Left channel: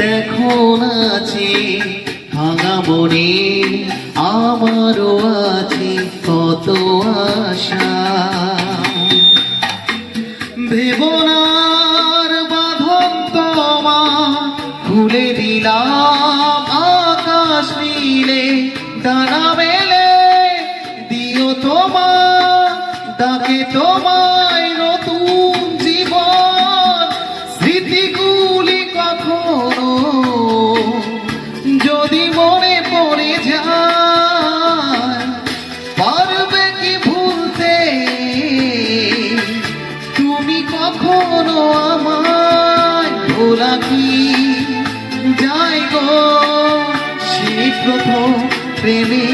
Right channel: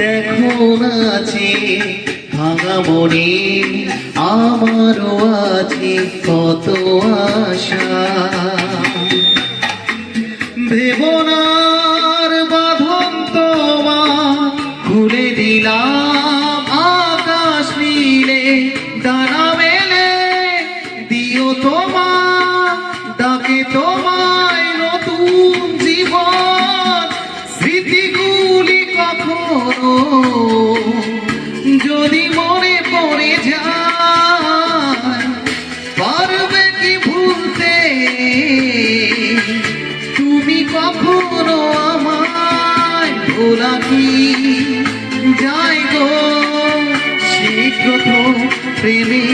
দেখো নাচে ভাঙা মনে আমারও আছে কত আশা। দেবনার বাঁধন তোমার খুলে দিলাম আকাশ নীলে ডানা মেলে দিও তোমার ডাকে তোমায় নতুন জীবন। স্মৃতিগুলি কখনো যদি মনে পড়ে যায় পারবে কি ভুলতে তুমি কখনো আমায় ভোলা কি যায় গো সেই প্রথম প্রেমে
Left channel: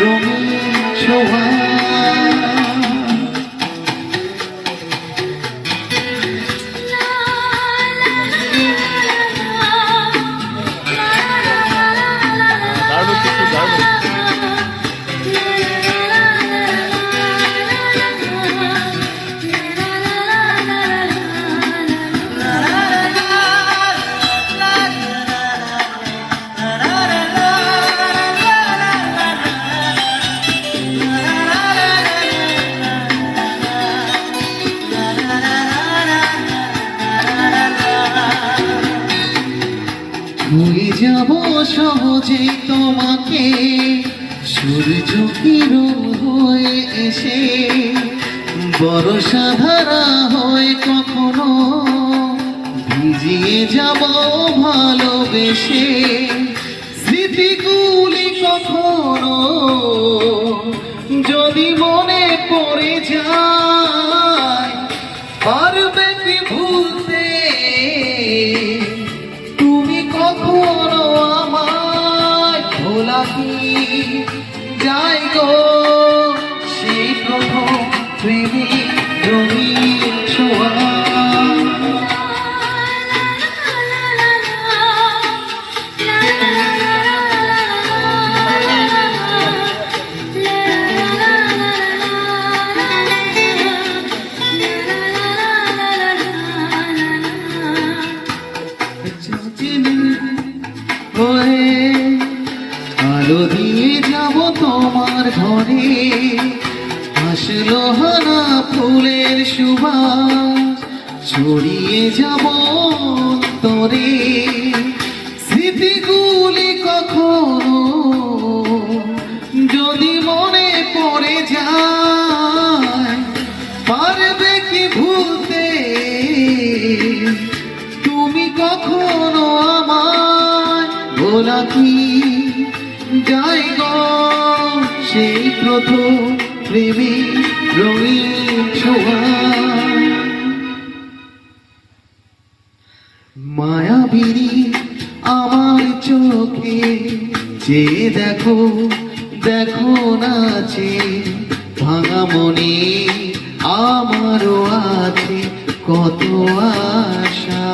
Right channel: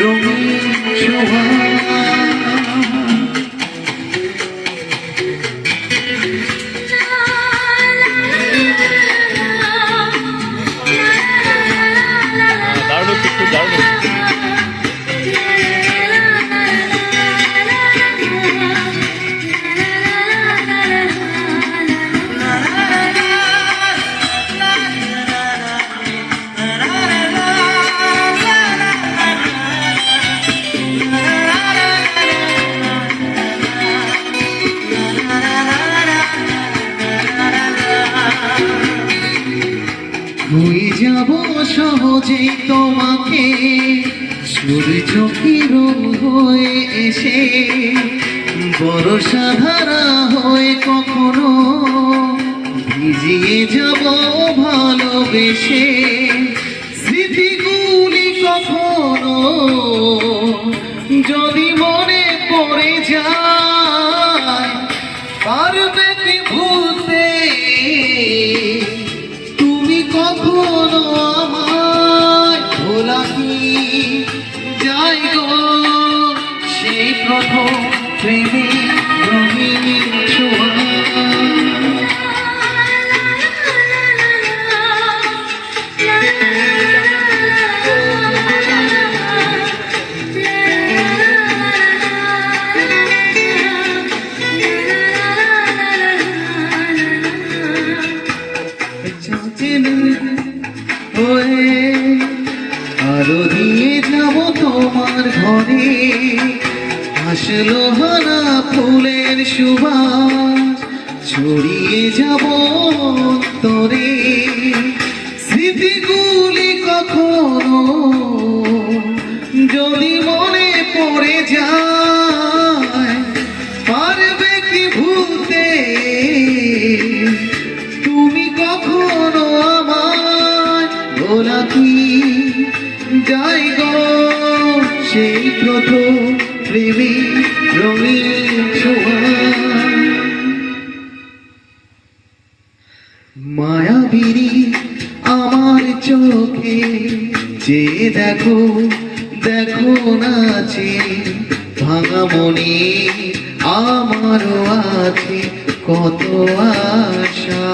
রঙিন শোভা। ভুলে যাব সহজেই তোমাকে সূর্য কিরণ হয়ে এসে বর্ষা ধারা হয়ে কখনো ভিজিয়ে যাব ভালোবেসে। স্মৃতিগুলি কখনো যদি মনে পড়ে যায় পারবে কি ভুলতে কখনো আমায় ভোলা কি যায় গো সেই প্রথম প্রেমে রঙিন ছোঁয়া। আলো দিয়ে যাব তোমার ঘরে আসলো হানা ফুলের সুবাস ছড়িয়ে যাব তোরে। স্মৃতিগুলি কখনো যদি মনে পড়ে যায় পারবে কি ভুলতে তুমি কখনো আমায় ভোলা কি যায় গো সেই প্রথম প্রেমে রঙিন ছোঁয়া। মায়াবিনী আমার চোখে যে দেখো দেখো নাচে ভাঙা মনে আমারও আছে কত আশা।